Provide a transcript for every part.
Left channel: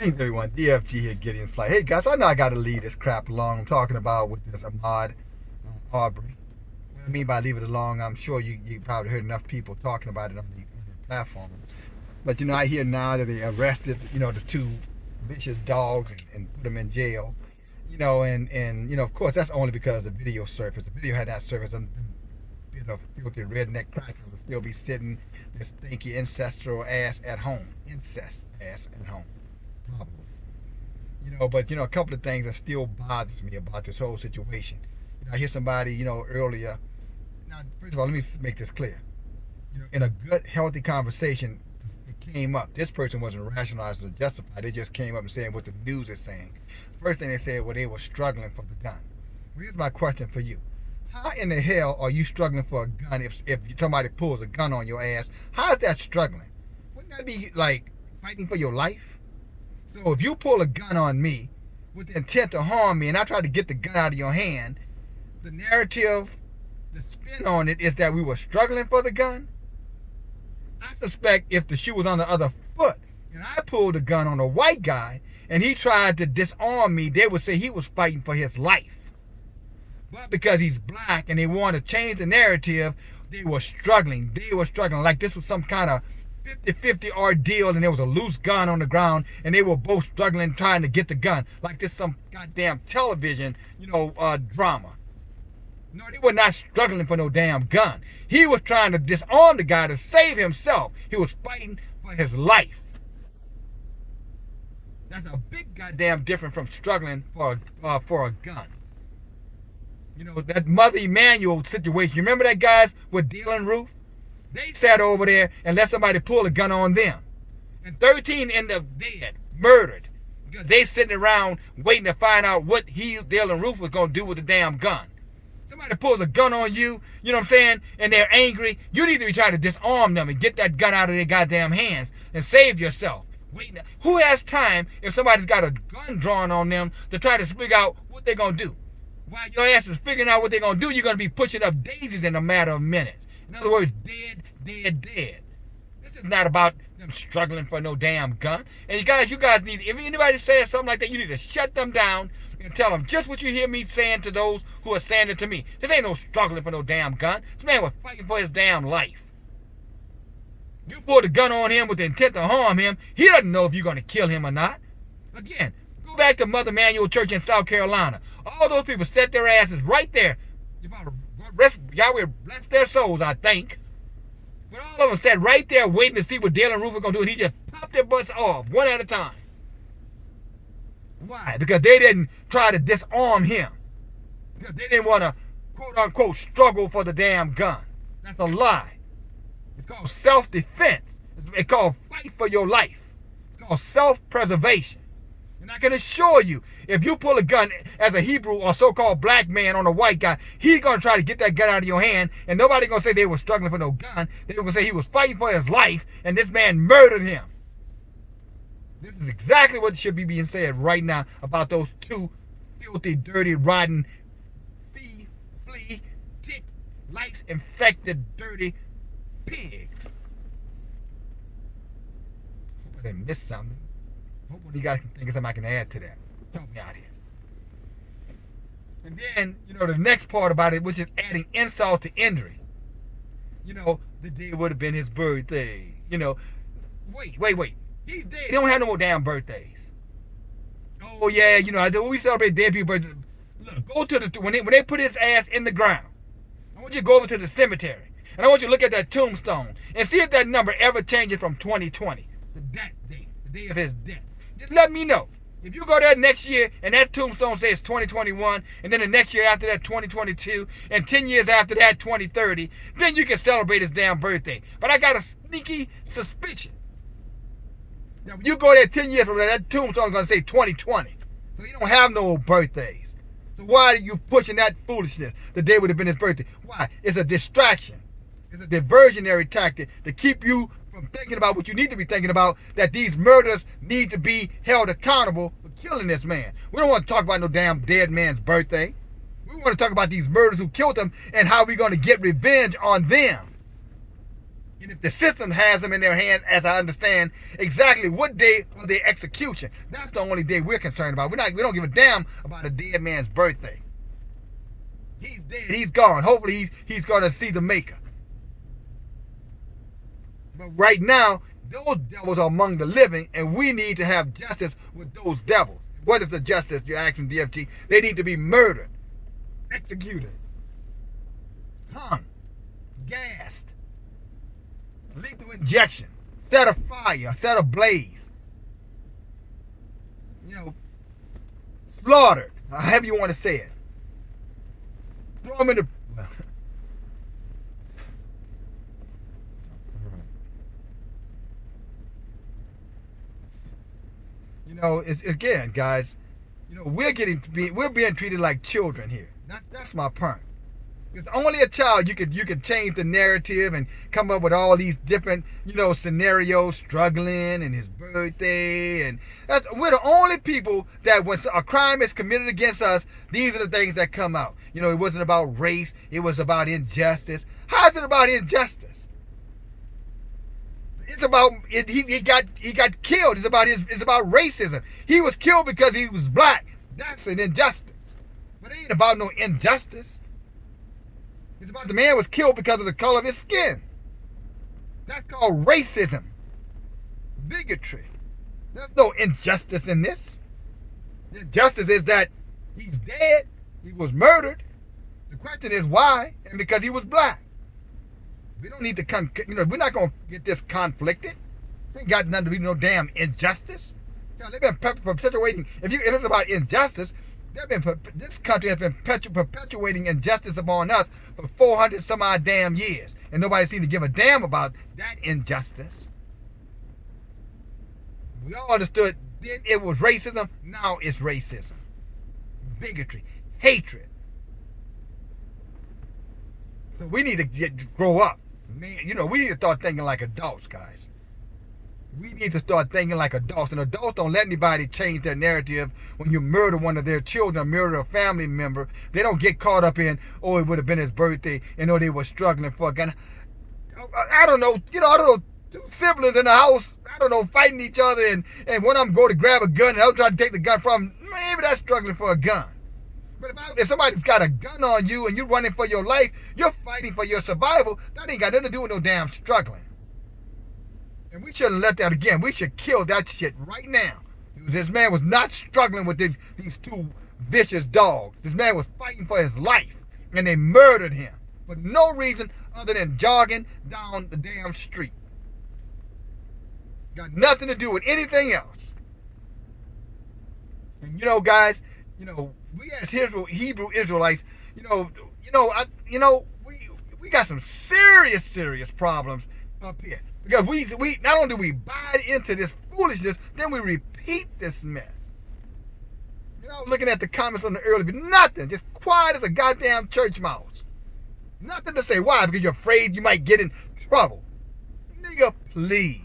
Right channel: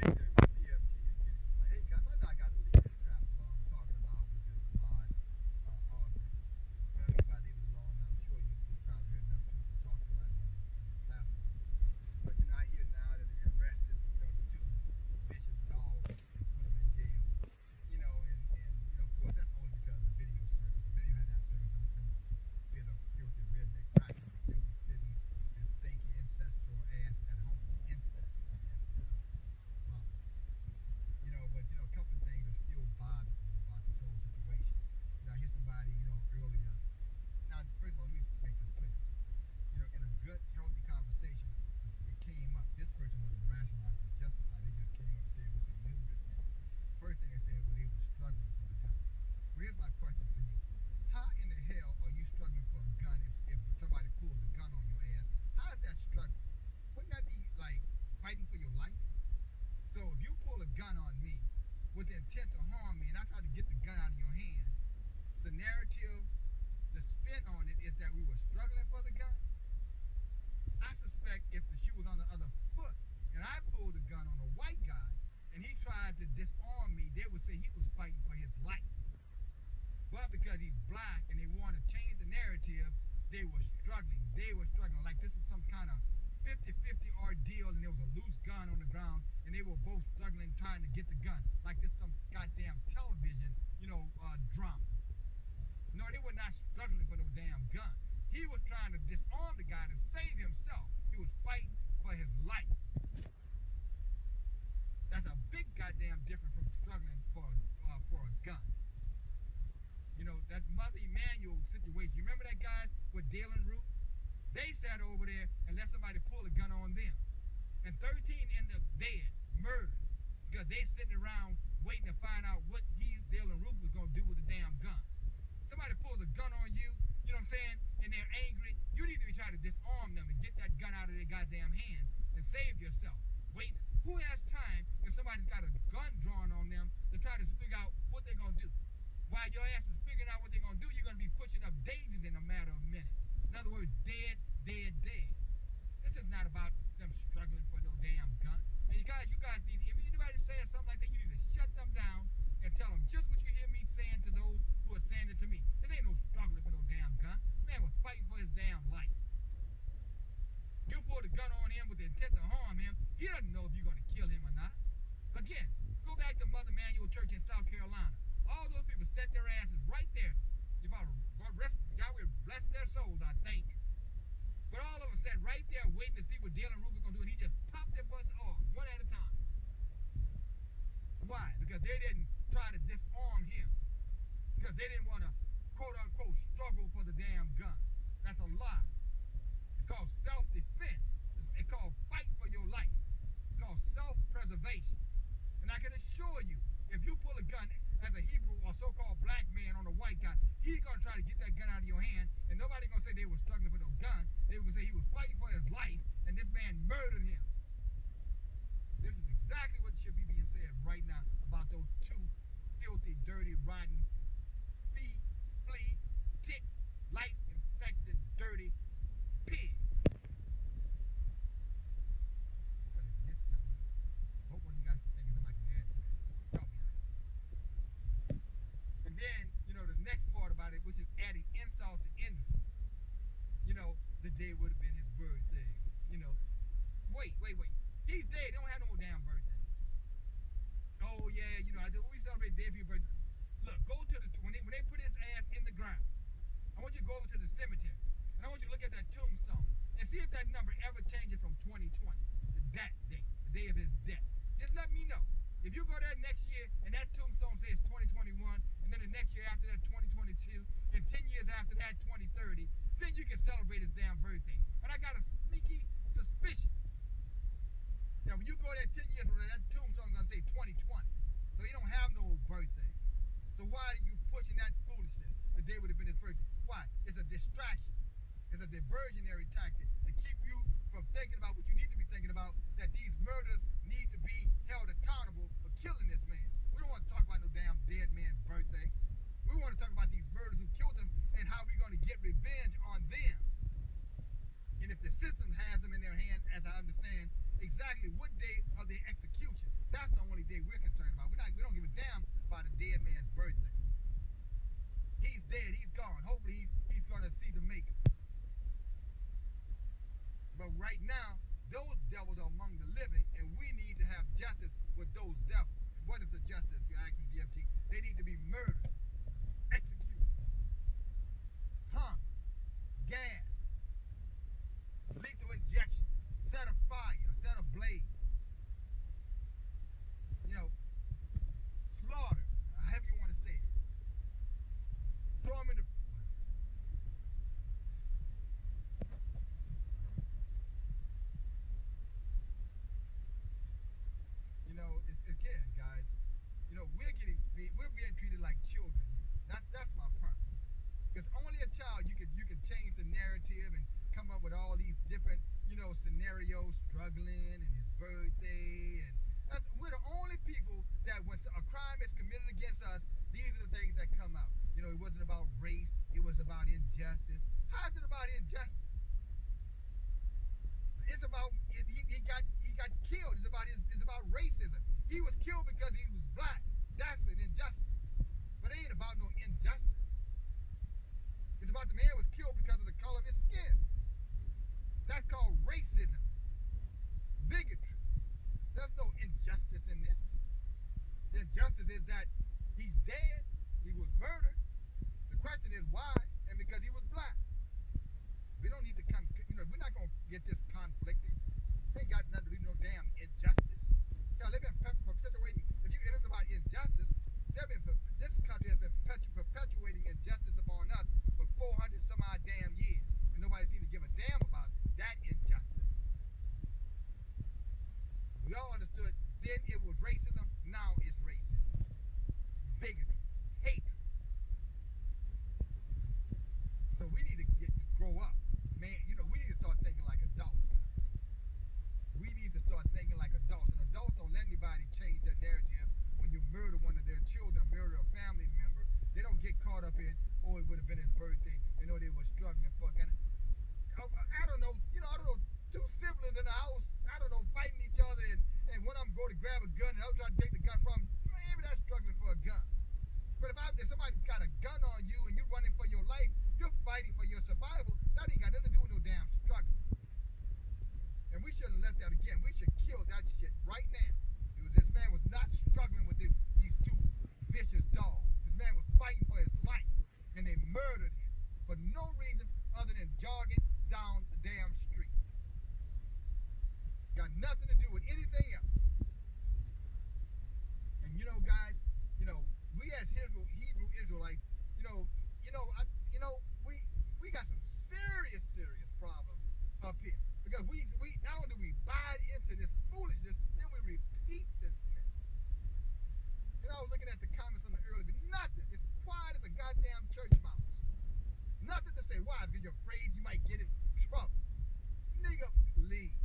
Greetings everyone, DFG here, Gideon's Flight. Hey guys, I know I gotta leave this crap alone. I'm talking about with this Ahmaud Arbrey. What I mean by leave it alone, I'm sure you probably heard enough people talking about it on the platform. But I hear now that they arrested, the two vicious dogs and put them in jail. And of course that's only because the video surfaced. The video had not surfaced, them filthy redneck crackers would still be sitting their stinky ancestral ass at home. Incest ass at home. But a couple of things that still bothers me about this whole situation. I hear somebody, earlier. Now, first of all, let me make this clear. In a good, healthy conversation, it came up. This person wasn't rationalized or justified. They just came up and saying what the news is saying. First thing they said, well, they were struggling for the gun. Well, here's my question for you. How in the hell are you struggling for a gun if somebody pulls a gun on your ass? How is that struggling? Wouldn't that be like fighting for your life? So if you pull a gun on me with the intent to harm me and I try to get the gun out of your hand, the narrative, the spin on it is that we were struggling for the gun. I suspect if the shoe was on the other foot and I pulled a gun on a white guy and he tried to disarm me, they would say he was fighting for his life. But because he's black and they want to change the narrative, they were struggling. They were struggling like this was some kind of 50-50 ordeal and there was a loose gun on the ground and they were both struggling trying to get the gun like this some goddamn television drama. No, they were not struggling for no damn gun. He was trying to disarm the guy to save himself. He was fighting for his life. That's a big goddamn difference from struggling for a gun. That Mother Emanuel situation, you remember that guys with Dylan Roof? They sat over there and let somebody pull a gun on them. And 13 end up dead, murdered. Because they sitting around waiting to find out what Dylan Roof was going to do with the damn gun. Somebody pulls a gun on you, you know what I'm saying, and they're angry. You need to be trying to disarm them and get that gun out of their goddamn hands and save yourself. Who has time if somebody's got a gun drawn on them to try to figure out what they're going to do? While your ass is figuring out what they're going to do, you're going to be pushing up daisies in a matter of minutes. In other words, dead. This is not about them struggling for no damn gun. And you guys need, if anybody says something like that, you need to shut them down and tell them just what you hear me saying to those who are saying it to me. This ain't no struggling for no damn gun. This man was fighting for his damn life. You pulled a gun on him with the intent to harm him. He doesn't know if you're going to kill him or not. Again, go back to Mother Emanuel Church in South Carolina. All those people set their asses right there. Yahweh bless their souls, I think. But all of them sat right there waiting to see what Dylan Roof was going to do, and he just popped their butts off one at a time. Why? Because they didn't try to disarm him. Because they didn't want to, quote-unquote, struggle for the damn gun. That's a lie. It's called self-defense. It's called fight for your life. It's called self-preservation. And I can assure you, if you pull a gun as a Hebrew or so-called black man on a white guy, he's going to try to get that gun out of your hand, and nobody's going to say they were struggling for no gun. They're going to say he was fighting for his life, and this man murdered him. This is exactly what should be being said right now about those two filthy, dirty, rotten, flea, tick, lice, infected, dirty pigs. Hope I didn't miss something. Hope one of you guys can think of something I can add to that. Help me out here. And then, the next part about it, which is adding insult to injury. The day would have been his birthday. Wait. He's dead. He don't have no more damn birthdays. Oh, yeah, we celebrate dead people's birthdays. Look, go to when they put his ass in the ground, I want you to go over to the cemetery. And I want you to look at that tombstone and see if that number ever changes from 2020. That day, the day of his death. Just let me know. If you go there next year and that tombstone says 2021, and then the next year after that 2022, and 10 years after that 2030, then you can celebrate his damn birthday. But I got a sneaky suspicion. Now, when you go there 10 years from now, that tombstone is going to say 2020. So he don't have no birthdays. So why are you pushing that foolishness? The day would have been his birthday. Why? It's a distraction. It's a diversionary tactic to keep you from thinking about what you need to be thinking about, that these murders need to be held accountable for killing this man. We don't want to talk about no damn dead man's birthday. We want to talk about these murderers who killed him and how we're going to get revenge on them. And if the system has them in their hands, as I understand, exactly what day of their execution, that's the only day we're concerned about. We don't give a damn about a dead man's birthday. He's dead. He's gone. Hopefully he's going to see the maker. But right now, those devils are among the living, and we need to have justice with those devils. What is the justice you're asking DFG? They need to be murdered, executed, hung, gassed, lethal injection, set afire, set ablaze, slaughtered, however you want to say it. Throw them in the... It's, again, guys, we're being treated like children here. That's my point. Because only a child you could change the narrative and come up with all these different scenarios, struggling and his birthday, and we're the only people that when a crime is committed against us, these are the things that come out. It wasn't about race, it was about injustice. How is it about injustice? It's about he got killed. It's about racism. He was killed because he was black. That's an injustice. But it ain't about no injustice. It's about the man was killed because of the color of his skin. That's called racism. Bigotry. There's no injustice in this. The injustice is that he's dead. He was murdered. The question is why? And because he was black. We don't need to we're not going to get this conflicted. It ain't got nothing to be no damn injustice. They've been perpetuating, if it's about injustice, this country has been perpetuating injustice upon us for 400 some odd damn years. And nobody seems to give a damn about that injustice. We all understood then it was racism, now it's racism. Bigotry, hatred. So we need to grow up. Man, we need to start thinking like adults, guys. We need to start thinking like adults. And adults don't let anybody change their narrative when you murder one of their children or murder a family member. They don't get caught up in, it would have been his birthday, and they were struggling for a gun. I don't know, two siblings in the house, fighting each other, and one of them go to grab a gun, and the other trying to take the gun from him. Maybe that's struggling for a gun. But if somebody's got a gun on you and you're running for your life, you're fighting for your survival, that ain't got nothing to do with no damn struggling. And we shouldn't let that again. We should kill that shit right now. This man was not struggling with these two vicious dogs. This man was fighting for his life. And they murdered him for no reason other than jogging down the damn street. Got nothing to do with anything else. And guys, we as Hebrew Israelites, we got some serious problems up here. Because we not only do we buy into this foolishness, then we repeat this mess. Looking at the comments on the earlier, nothing, just quiet as a goddamn church mouse. Nothing to say. Why? Because you're afraid you might get in trouble. Nigga, please.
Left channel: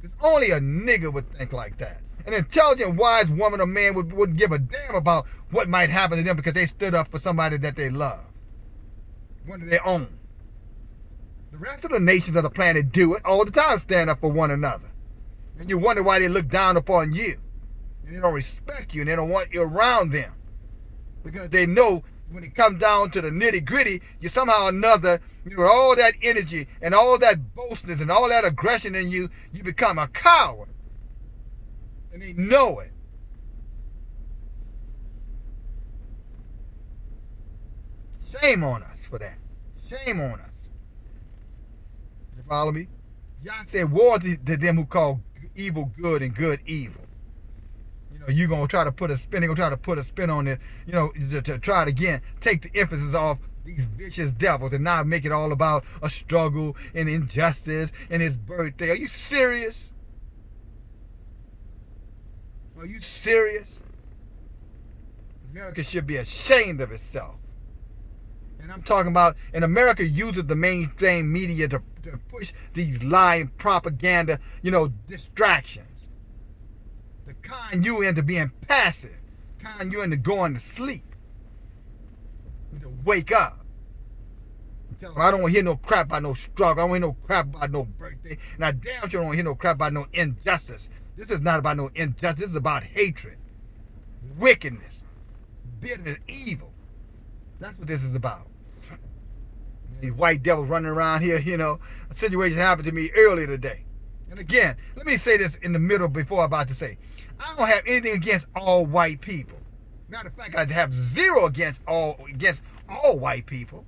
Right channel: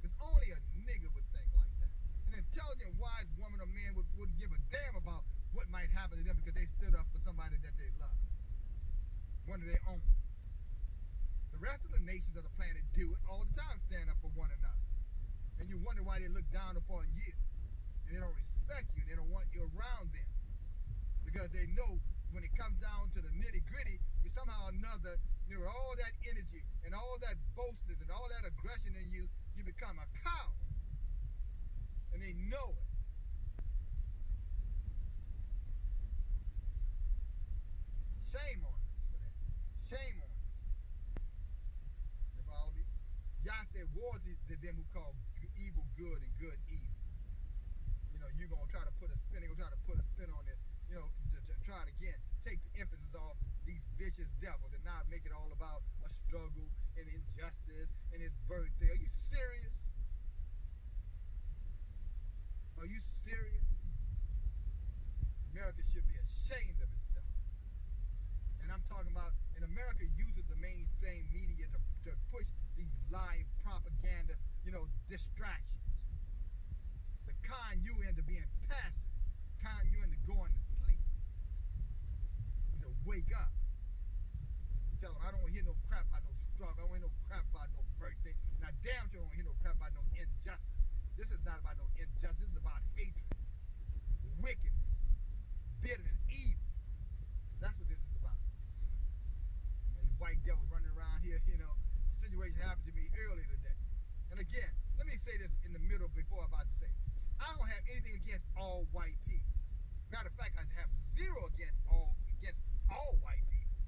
Because only a nigga would think like that. An intelligent, wise woman or man wouldn't give a damn about what might happen to them because they stood up for somebody that they love. One of their own. The rest of the nations of the planet do it all the time, stand up for one another. And you wonder why they look down upon you. And they don't respect you and they don't want you around them. Because they know when it comes down to the nitty gritty, you somehow or another, with all that energy and all that boastness and all that aggression in you, you become a coward. And they know it. Shame on us for that. Shame on us. You follow me? Y'all said woe to them who call evil good and good evil. You're going to try to put a spin, on it, to try to, again, take the emphasis off these vicious devils and not make it all about a struggle and injustice and his birthday. Are you serious? Are you serious? America should be ashamed of itself. And I'm talking about, and America uses the mainstream media to push these lying propaganda, distractions. To con you into being passive. Con you into going to sleep. To wake up. Tell them I don't want to hear no crap about no struggle. I don't want to hear no crap about no birthday. And I damn sure don't want to hear no crap about no injustice. This is not about no injustice. This is about hatred, wickedness, bitterness, evil. That's what this is about. These white devils running around here, A situation happened to me earlier today. And again, let me say this in the middle before I'm about to say. I don't have anything against all white people. Matter of fact, I have zero against all white people.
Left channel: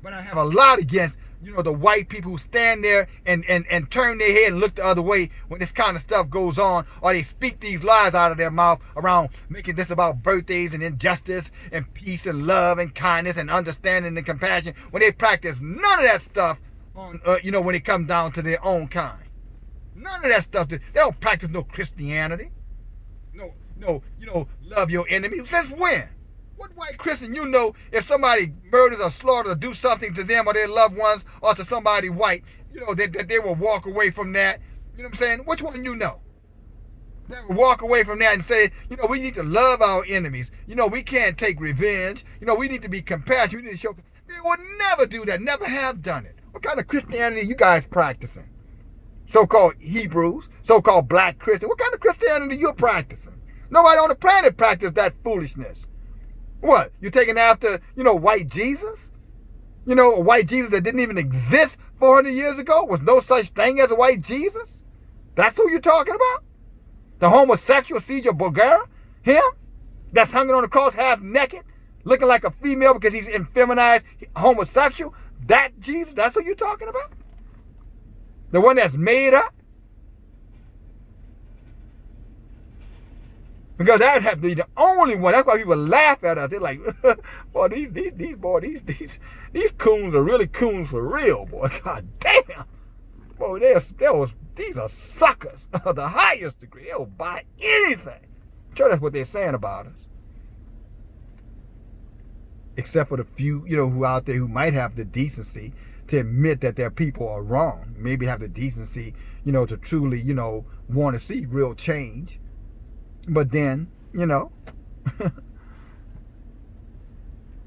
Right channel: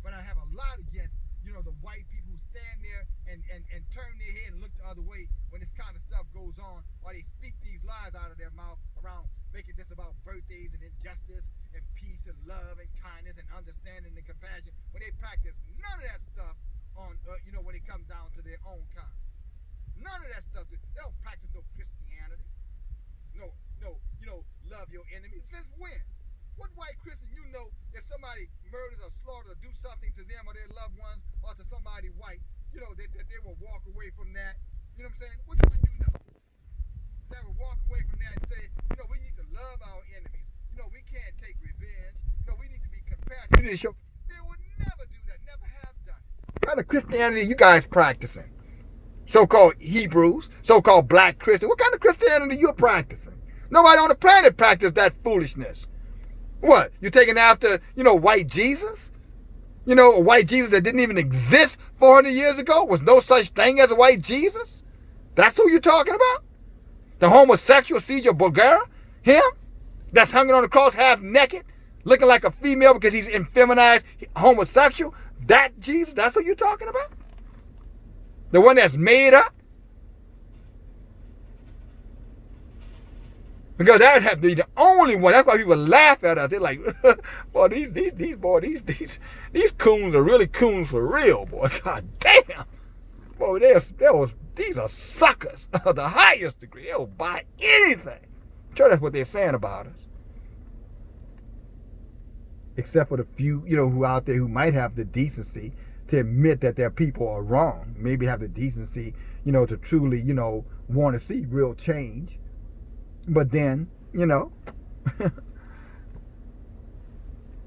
But I have a lot against, the white people who stand there and turn their head and look the other way when this kind of stuff goes on, or they speak these lies out of their mouth around making this about birthdays and injustice and peace and love and kindness and understanding and compassion, when they practice none of that stuff on, when it comes down to their own kind. None of that stuff. They don't practice no Christianity. No, love your enemies. Since when? What white Christian if somebody murders or slaughters or do something to them or their loved ones or to somebody white, that they will walk away from that? You know what I'm saying? Which one you know? They will walk away from that and say, we need to love our enemies. We can't take revenge. We need to be compassionate. We need to show. They would never do that. Never have done it. What kind of Christianity are you guys practicing? So-called Hebrews, so-called black Christians. What kind of Christianity are you practicing? Nobody on the planet practices that foolishness. What? You taking after, white Jesus? A white Jesus that didn't even exist 400 years ago? Was no such thing as a white Jesus? That's who you're talking about? The homosexual Caesar Borgia? Him? That's hanging on the cross half naked? Looking like a female because he's effeminized homosexual? That Jesus? That's who you're talking about? The one that's made up? Because that would have to be the only one. That's why people laugh at us. They're like, boy, these coons are really coons for real, boy. God damn. Boy, these are suckers of the highest degree. They'll buy anything. Sure, that's what they're saying about us. Except for the few, who out there who might have the decency to admit that their people are wrong. Maybe have the decency, to truly, want to see real change. But then,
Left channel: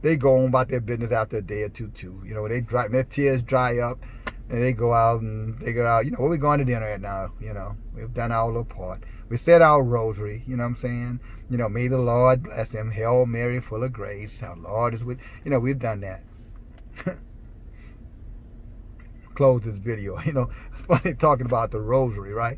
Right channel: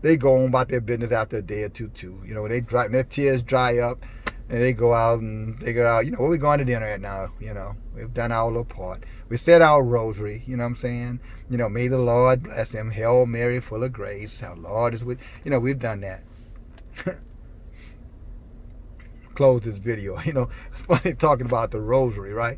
they go on about their business after a day or two, too. Their tears dry up, and they go out and figure out, where we going to dinner at now, We've done our little part. We said our rosary, you know what I'm saying? May the Lord bless him. Hail Mary, full of grace. Our Lord is with, we've done that. Close this video, it's funny talking about the rosary, right?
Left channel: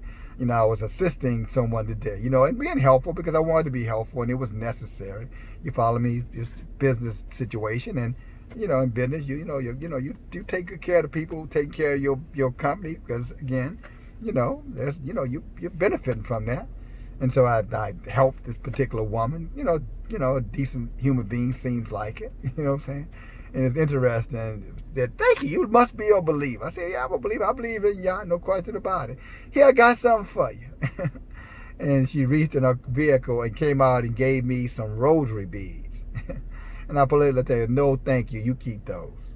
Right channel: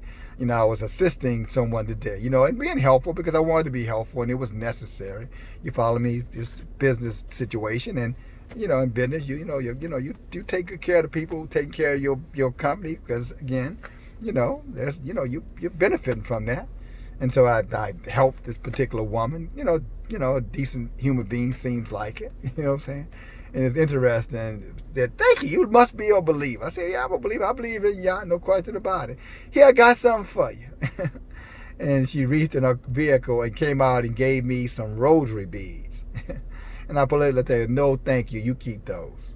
I was assisting someone today, and being helpful because I wanted to be helpful and it was necessary. You follow me? It's a business situation, and in business, you take good care of the people taking care of your company because again, there's you're benefiting from that. And so I helped this particular woman, a decent human being seems like it, you know what I'm saying? And it's interesting. Said, thank you. You must be a believer. I said, yeah, I'm a believer. I believe in y'all. No question about it. Here, I got something for you. And she reached in her vehicle and came out and gave me some rosary beads. And I politely tell you, no, thank you. You keep those.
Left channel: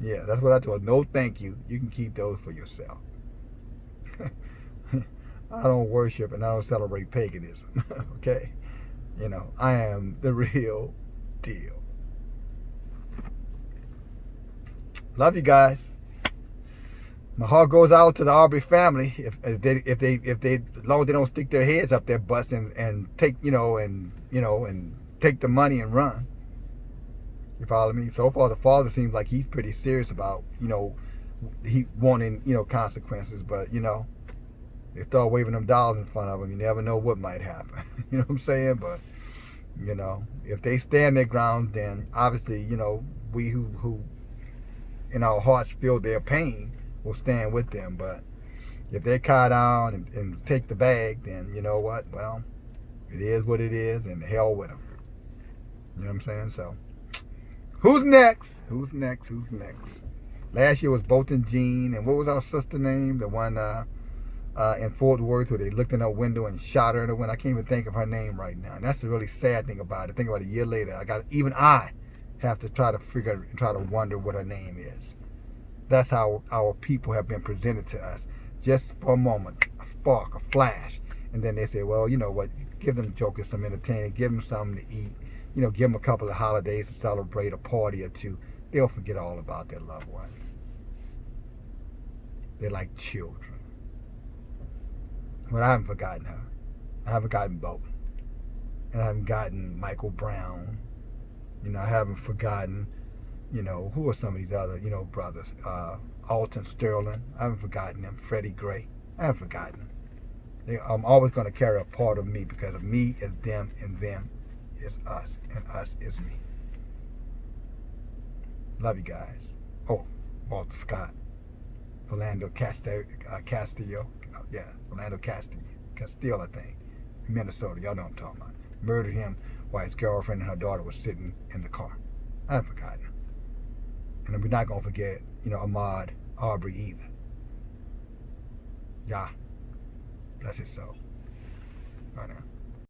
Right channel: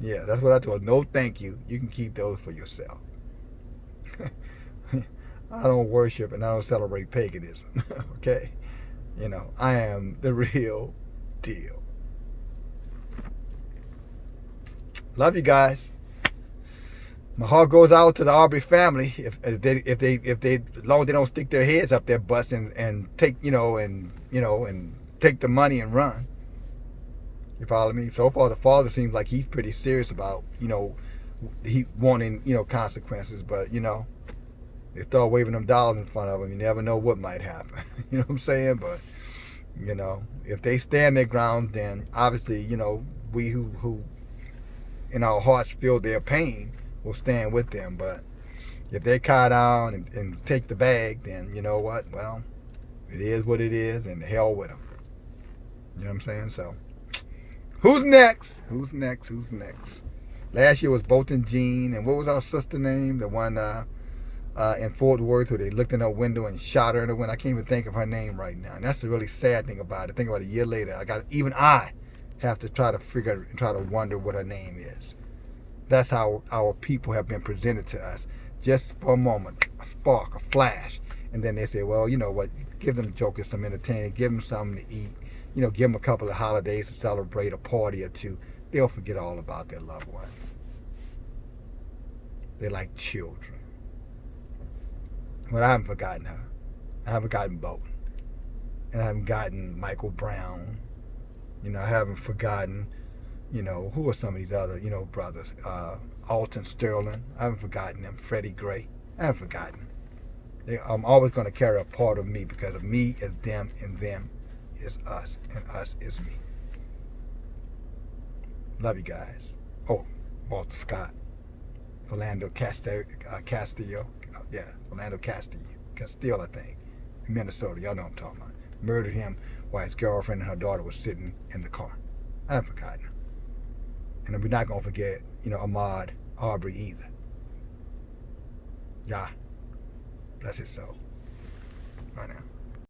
Yeah, that's what I told her. No, thank you. You can keep those for yourself. I don't worship and I don't celebrate paganism. Okay? I am the real deal. Love you guys. My heart goes out to the Arbrey family. If they, as long as they don't stick their heads up their butts and take, and take the money and run. You follow me? So far, the father seems like he's pretty serious about, he wanting, consequences. But, they start waving them dollars in front of him. You never know what might happen. You know what I'm saying? But, if they stand their ground, then obviously, we who in our hearts feel their pain will stand with them. But if they cow down and take the bag, then you know what? Well, it is what it is, and hell with them. You know what I'm saying? So, who's next? Who's next? Who's next? Last year was Bolton Jean, and what was our sister name? The one in Fort Worth where they looked in her window and shot her in the window. I can't even think of her name right now. And that's the really sad thing about it. Think about it, a year later. I have to try to wonder what her name is. That's how our people have been presented to us. Just for a moment, a spark, a flash. And then they say, well, you know what, give them jokers some entertainment, give them something to eat, give them a couple of holidays to celebrate, a party or two, they'll forget all about their loved ones. They're like children. But I haven't forgotten her. I haven't forgotten Bolton. And I haven't forgotten Michael Brown. I haven't forgotten, who are some of these other, brothers? Alton Sterling. I haven't forgotten them. Freddie Gray. I haven't forgotten them. I'm always going to carry a part of me, because of me is them and them is us and us is me. Love you guys. Oh, Walter Scott. Philando Castillo. Yeah, Philando Castillo, I think. In Minnesota. Y'all know what I'm talking about. Murdered him while his girlfriend and her daughter was sitting in the car. I haven't forgotten him. And we're not going to forget, Ahmaud Arbrey either. Yeah. Bless his soul. Bye now.